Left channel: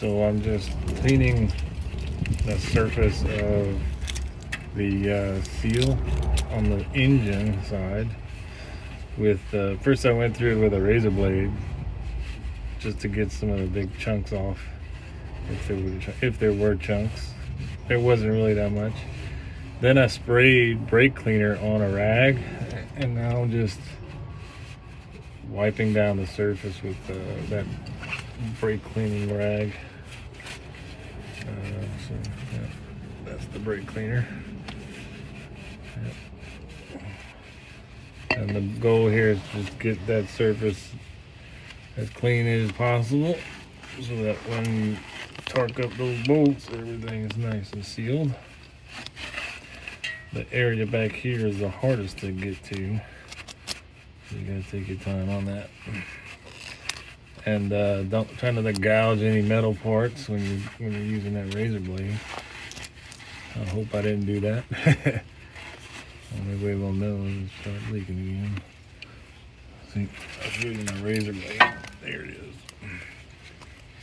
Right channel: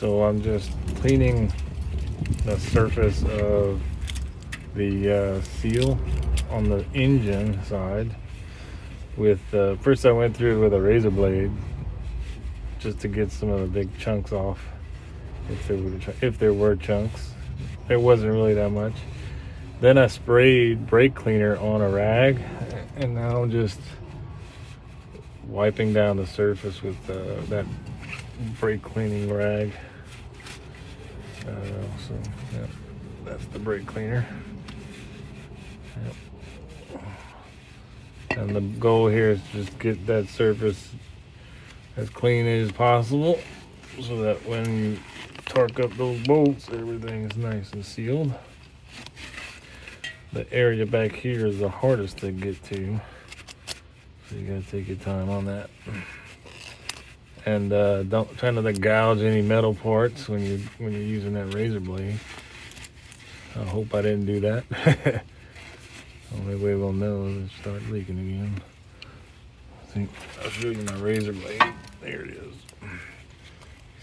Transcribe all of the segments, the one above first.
So I'm just cleaning the surface of the seal on the engine side with first I went through it with a razor blade just to get some of the big chunks off, if there were chunks. There wasn't really that much. Then I sprayed brake cleaner on a rag, and now I'm just wiping down the surface with that brake cleaning rag. So yeah, that's the brake cleaner. Yep. And the goal here is just get that surface as clean as possible so that when you torque up those bolts, everything is nice and sealed. The area back here is the hardest to get to, so you gotta take your time on that. And don't try not to gouge any metal parts when you're using that razor blade. I hope I didn't do that. Only way we'll know is it start leaking again. See, I'll show you my razor blade. There it is.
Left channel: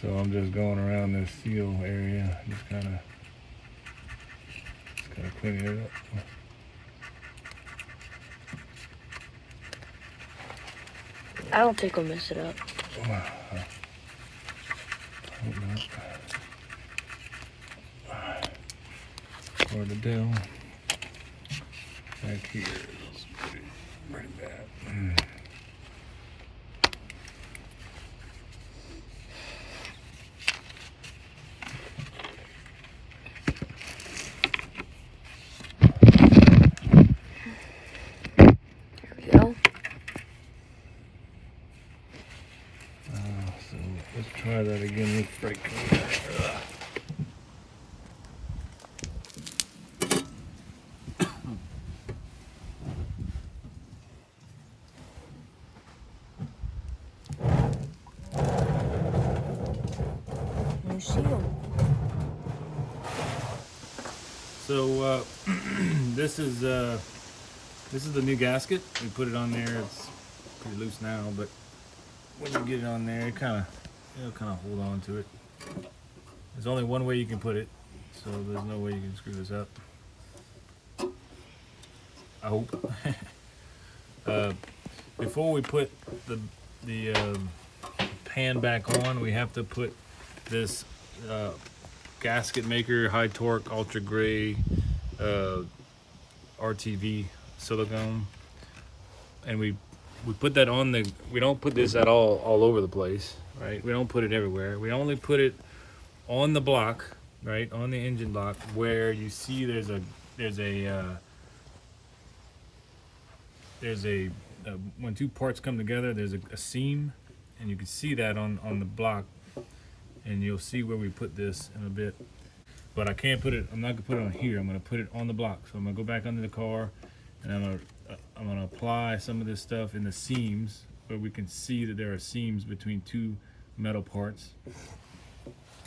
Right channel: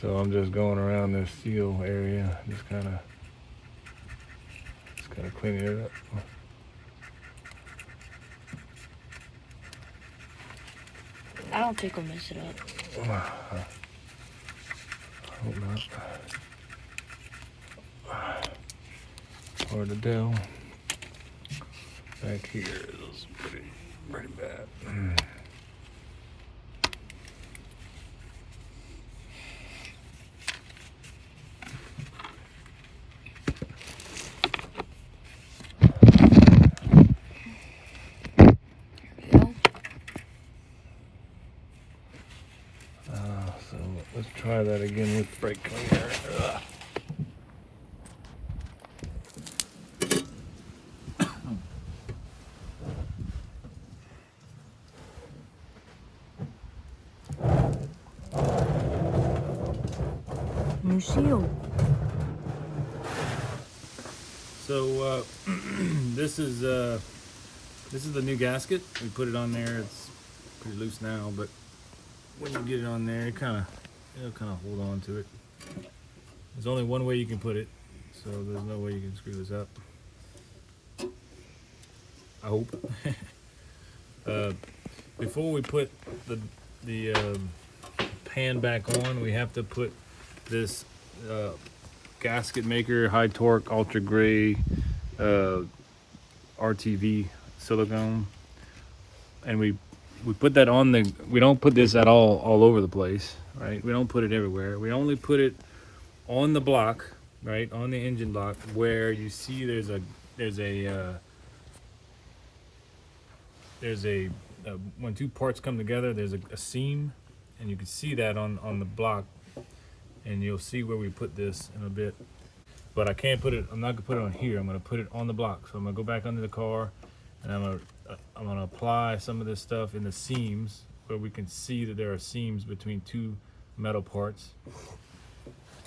So I'm just going around this seal area, just kind of cleaning it up. I don't think I'll mess it up. I hope not. Hard to tell. Back here is pretty bad. So let's try that again with brake cleaner. New seal. So this is the new gasket. We put it on there. It's pretty loose now, but when you get it on there, it'll kind of hold on to it. There's only one way you can put it, so there's no way you can screw this up. I hope. Before we put the pan back on, we have to put this gasket maker high torque ultra gray RTV silicone, and we put that on the, we don't put this at all over the place, right? We don't put it everywhere. We only put it on the block, right, on the engine block, where you see there's a when two parts come together, there's a seam, and you can see that on the block, and you'll see where we put this in a bit. But I can't put it, I'm not gonna put it on here, I'm gonna put it on the block. So I'm gonna go back under the car, and I'm gonna apply some of this stuff in the seams where we can see that there are seams between two metal parts.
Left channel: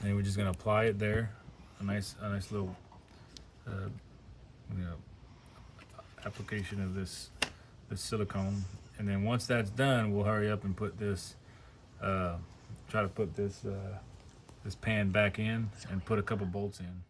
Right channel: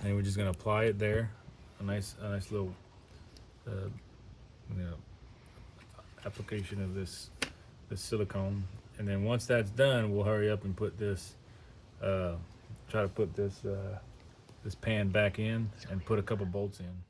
And we're just gonna apply it there, a nice little application of this silicone. And then once that's done, we'll hurry up and put this, try to put this pan back in and put a couple bolts in.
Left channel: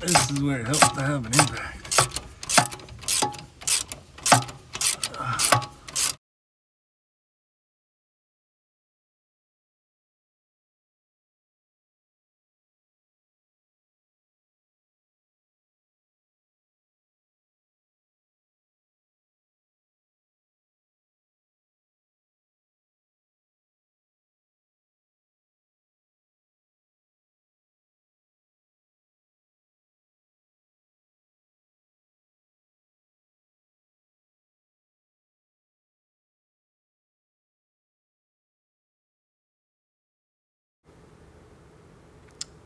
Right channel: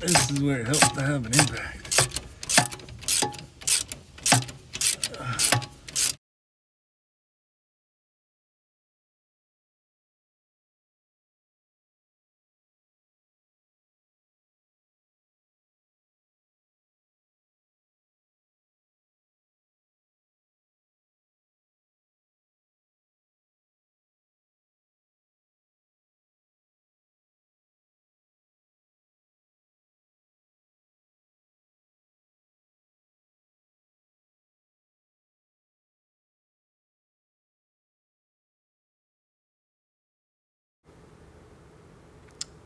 This is where it helps to have an impact.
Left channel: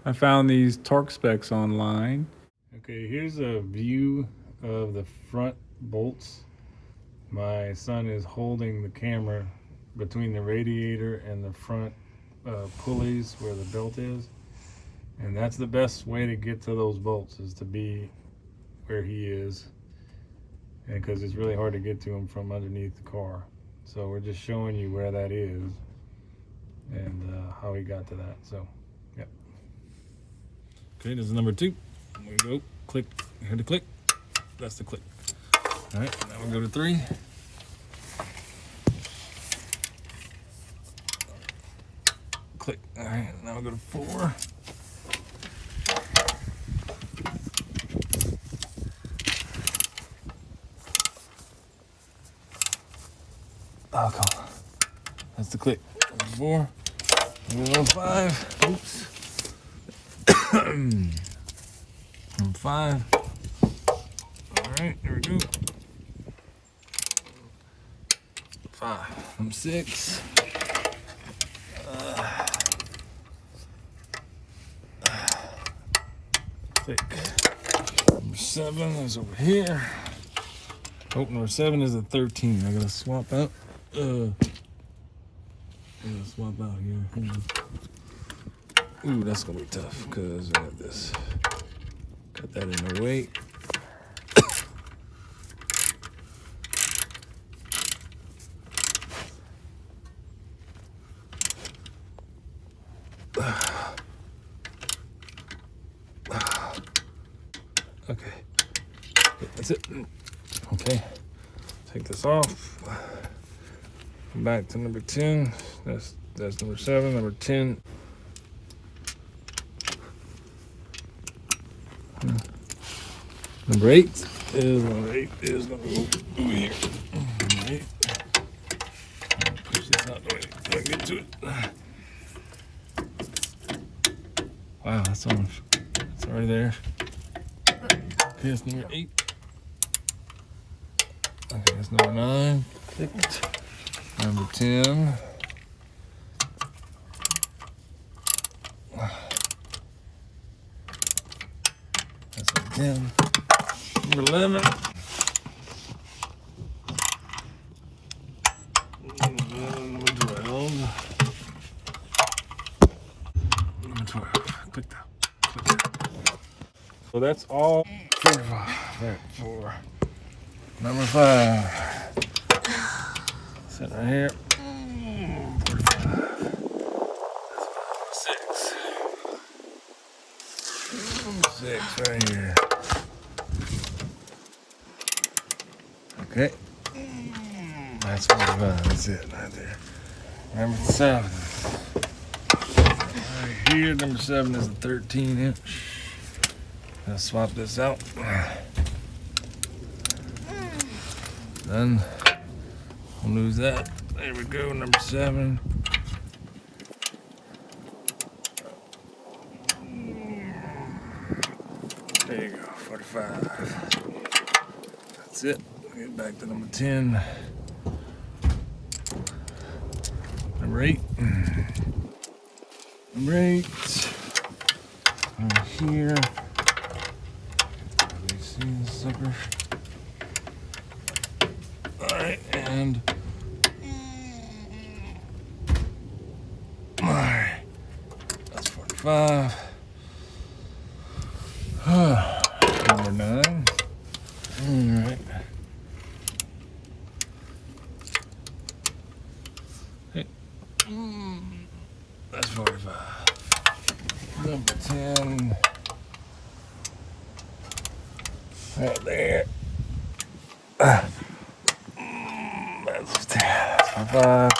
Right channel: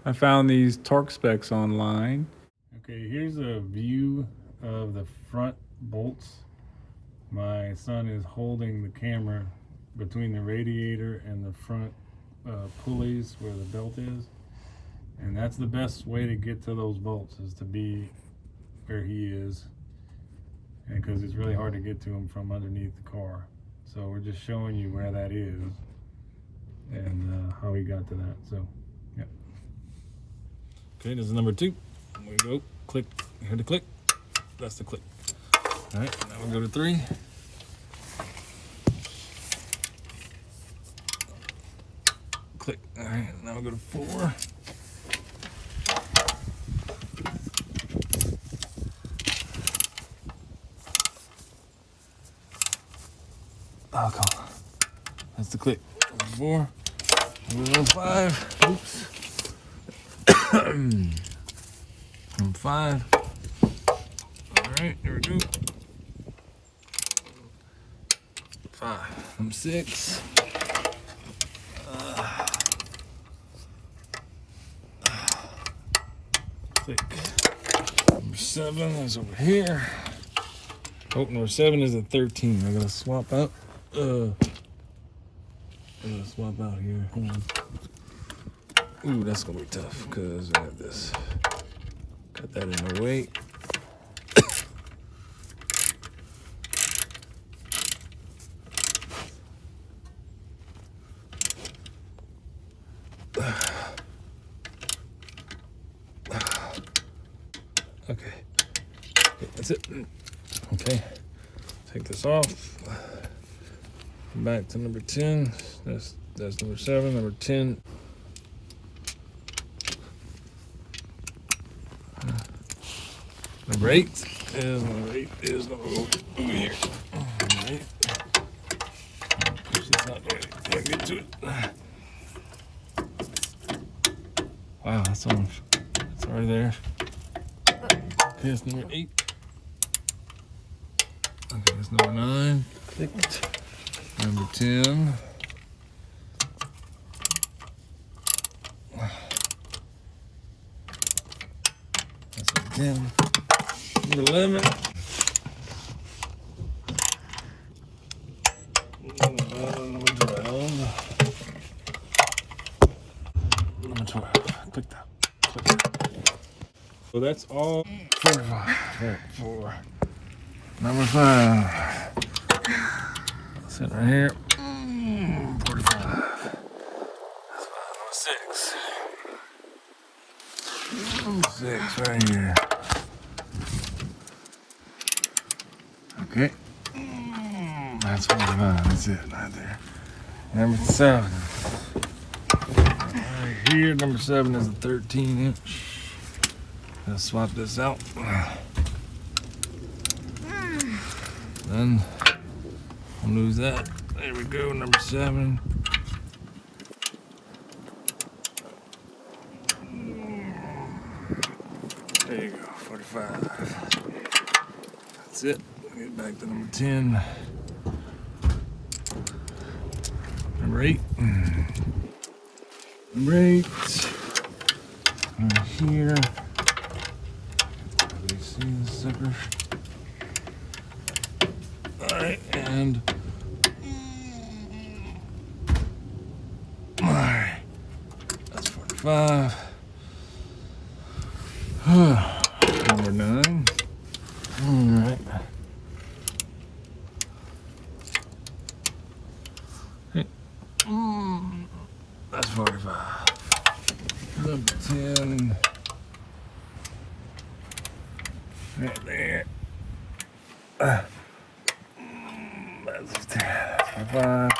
I found these torque specs online. Okay, here's a view of the front bolts. My son is holding the camera between the radiator and the front pulleys where the belt is. And that's the best way to get to those bolts, is to be where he is. And because it's really hard to get to him from underneath the car. So we're just showing you where that is and how he got to that. So, yeah. Okay, this is number 2. There we go. Click. Hear the click? That's the click. All right, now we'll go to 3. Click. All right, now we'll go to 4. Oh, come on. That's the click. Number 4. Number 5. Oops. Number 5. All right, there we go. 5. Number 6. Click. Number 7 is over here. Oh, number 7 is a 13. I gotta swap out. I gotta swap out here. Hold on. Ooh, that's gonna be tough because I have this. Cut that in the way. Okay, that's it. Okay, take this off. Come back to number 10. That's number 7. Number 10. Number 8 is number over here. All right. Push this out the way. I can get to it. Wow, that's already there. Okay, that's number 8. Okay, that's number 9. Clicked. Number 10. That's number 10. Number 11. Number 12. Number 12. Click that. Click that. So that's all. 4. Number 5. Sit right here. 45. 6. 6 right here. Okay. That's 45. That's it right there. Number 7. Right here, number 7 is a 13-inch. Let's swap this out. Then I'll lose that. There we go, number 7. There you go, 45. That's it. Get back to number 10. Number 8. Number 8. Right here. You see the sucker? Alright, and alright. That's 45. Number 9. That's 45. Number 10. Right there. That's 10. That's 45.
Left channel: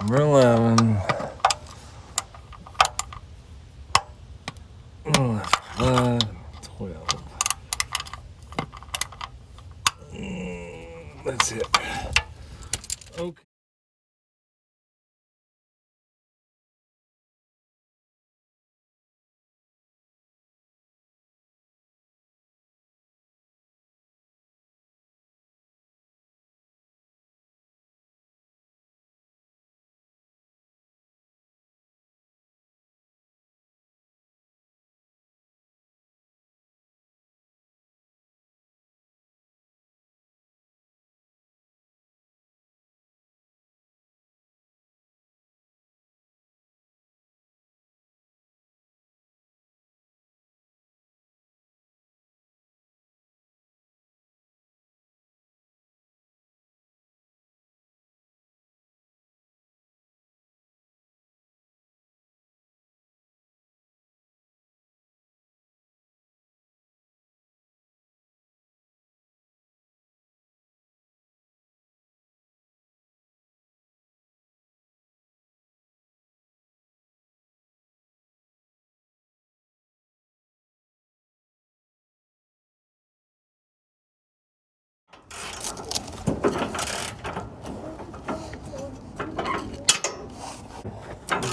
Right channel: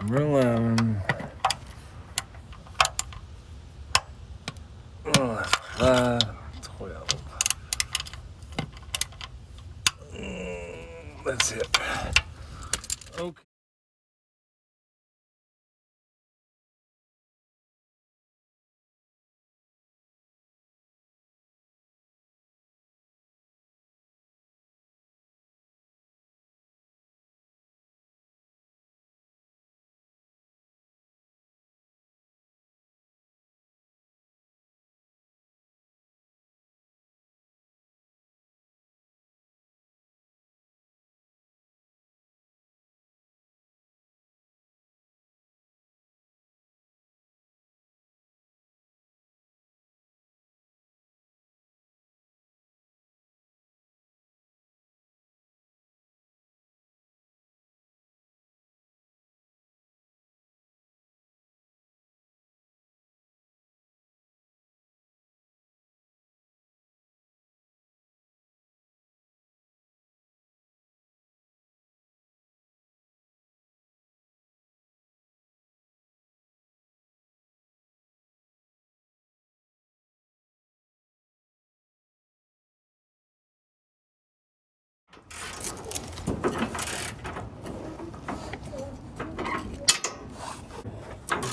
Number 11. That's 5. 12. That's it. Okay.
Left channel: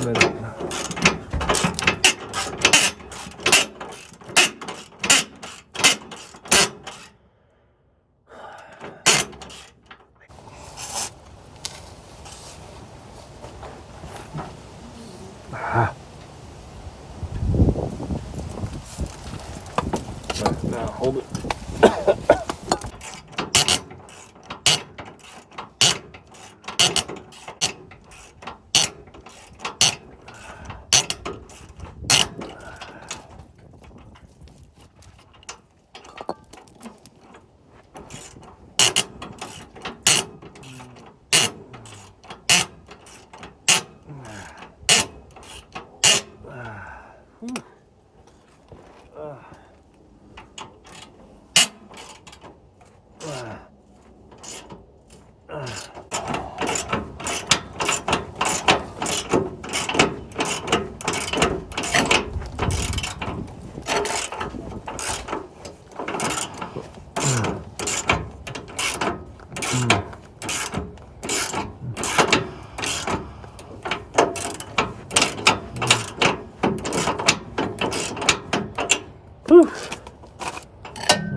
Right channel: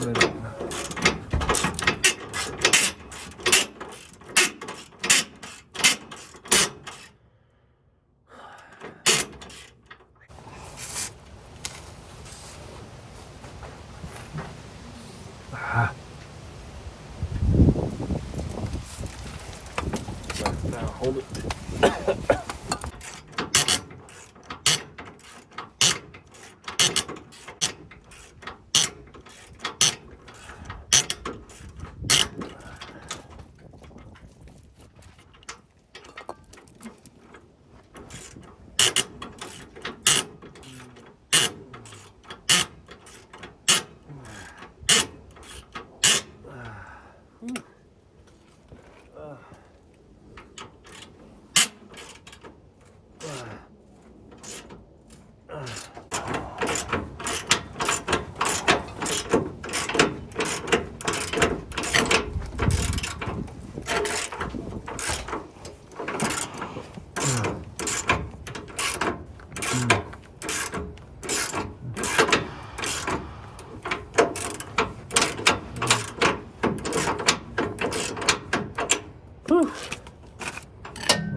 Now hold it.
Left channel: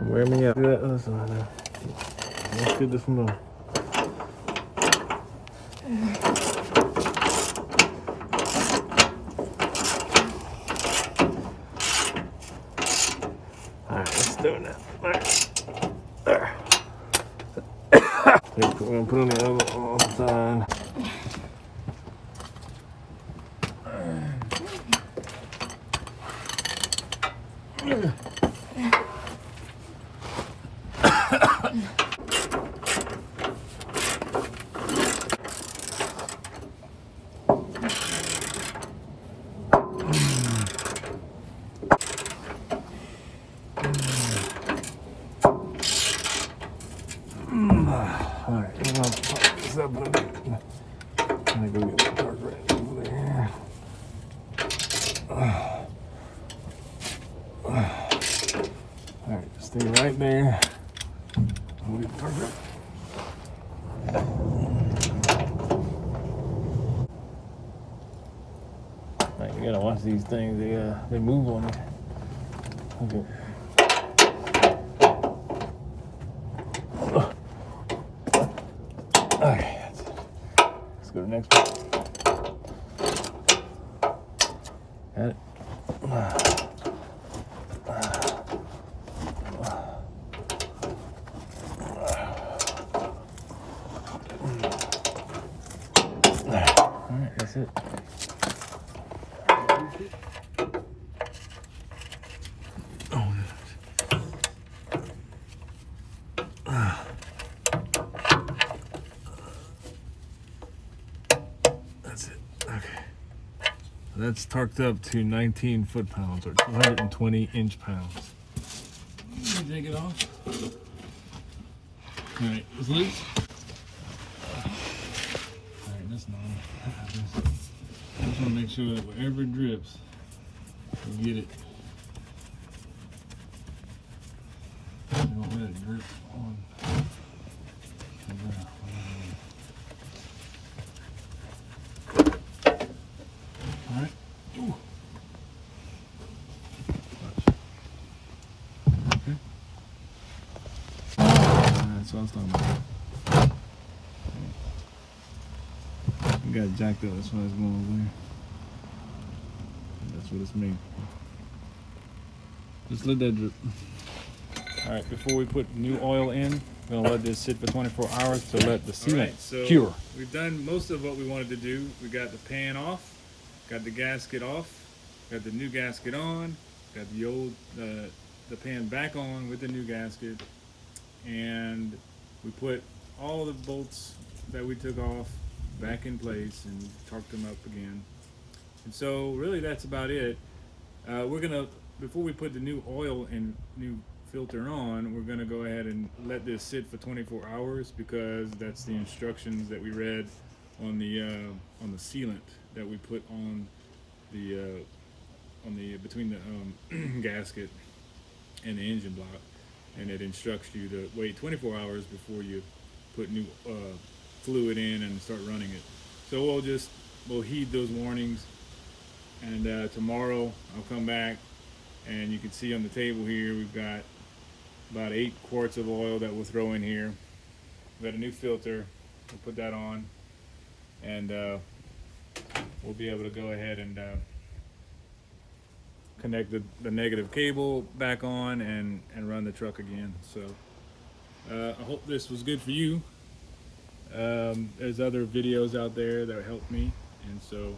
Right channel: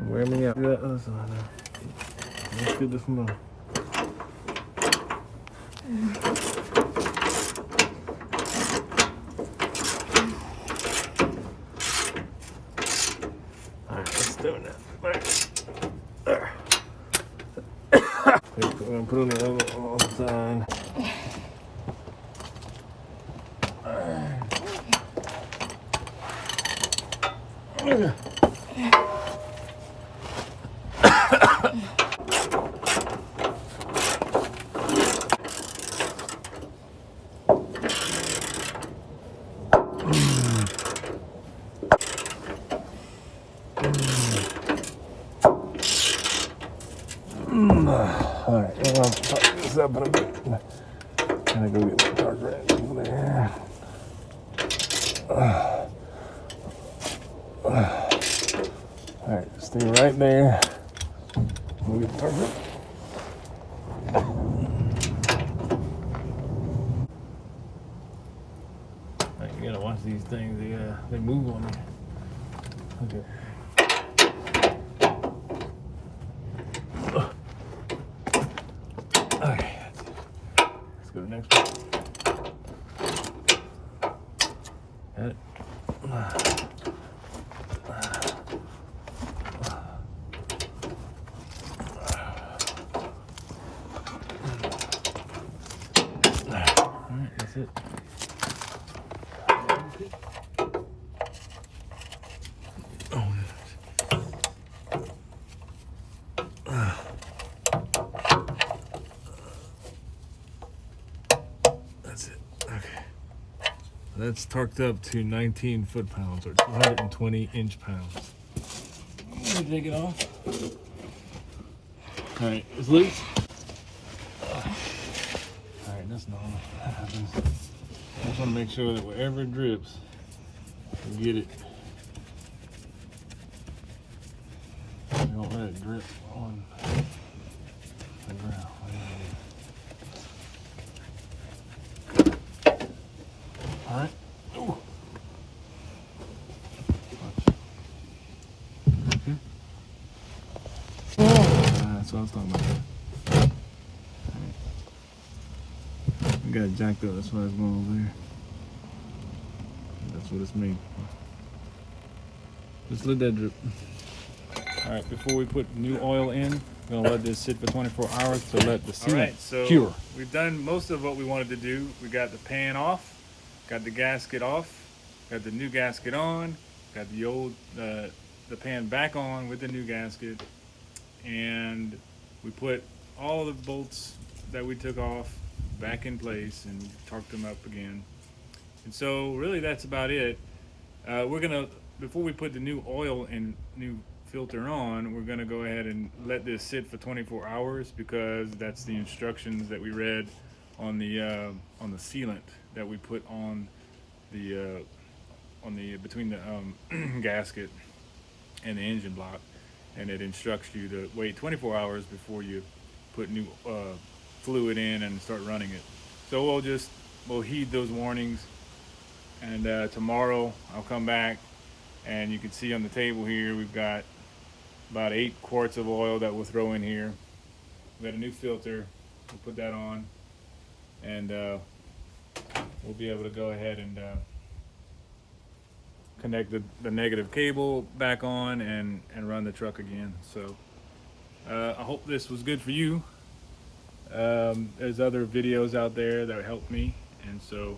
Wear me out. That other side now. Let's get this one. Alright, let's do it now. Alright. There. We're gonna put it on the other side. Alright, well, I'll tighten this up in a bit. I'm gonna go get my dark red over there. Alright, stay right there. We'll get dark red. Alright, you gotta watch these things, they move on you. Okay. Okay, that's it. Let's go to the next one. Got it. Alright, that's it. Oh, that's it. Okay. That's torqued up to 19 foot-pounds or 220 inch-pounds. Let me take it off. All right, it's loose. All right, that's normal. I just want to make sure that wherever it drips, you get it. You don't let it drip on the ground. All right. Ooh. Watch. Okay. That's what I was talking about. I got it jacked up. That's why it's going over there. That's what it's made. Just let that drip. All right, before we put new oil in, we're gonna let this sit for 24 hours to let the sealant cure. We've done most of what we wanted to do. We got the pan off, got the gasket off, got the new gasket on, got the old the pan back on with the new gasket, and we put all of the bolts that we took off back in place and torqued them up again. And so really that's about it. We're gonna, before we put the new oil and new filter on, we're gonna go ahead and let this sit for 24 hours because that's the instructions that we read on the sealant that we put on the between the gasket and the engine block, and it instructs you to wait 24 hours before you put new fluid in and start running it. So we'll heed those warnings And tomorrow I'll come back, and you can see on the table here we've got about 8 quarts of oil that we'll throw in here. We got a new filter, we'll put that on, and we'll be able to go ahead and connect the negative cable back on and run the truck again. So I hope this was good for you. There's other videos out there that help me, and so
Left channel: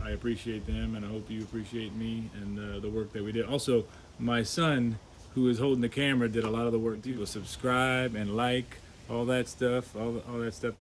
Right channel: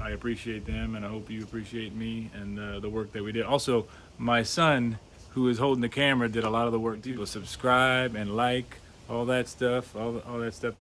I appreciate them, and I hope you appreciate me and the work that we did. Also, my son, who is holding the camera, did a lot of the work too. Subscribe and like all that stuff, all that stuff.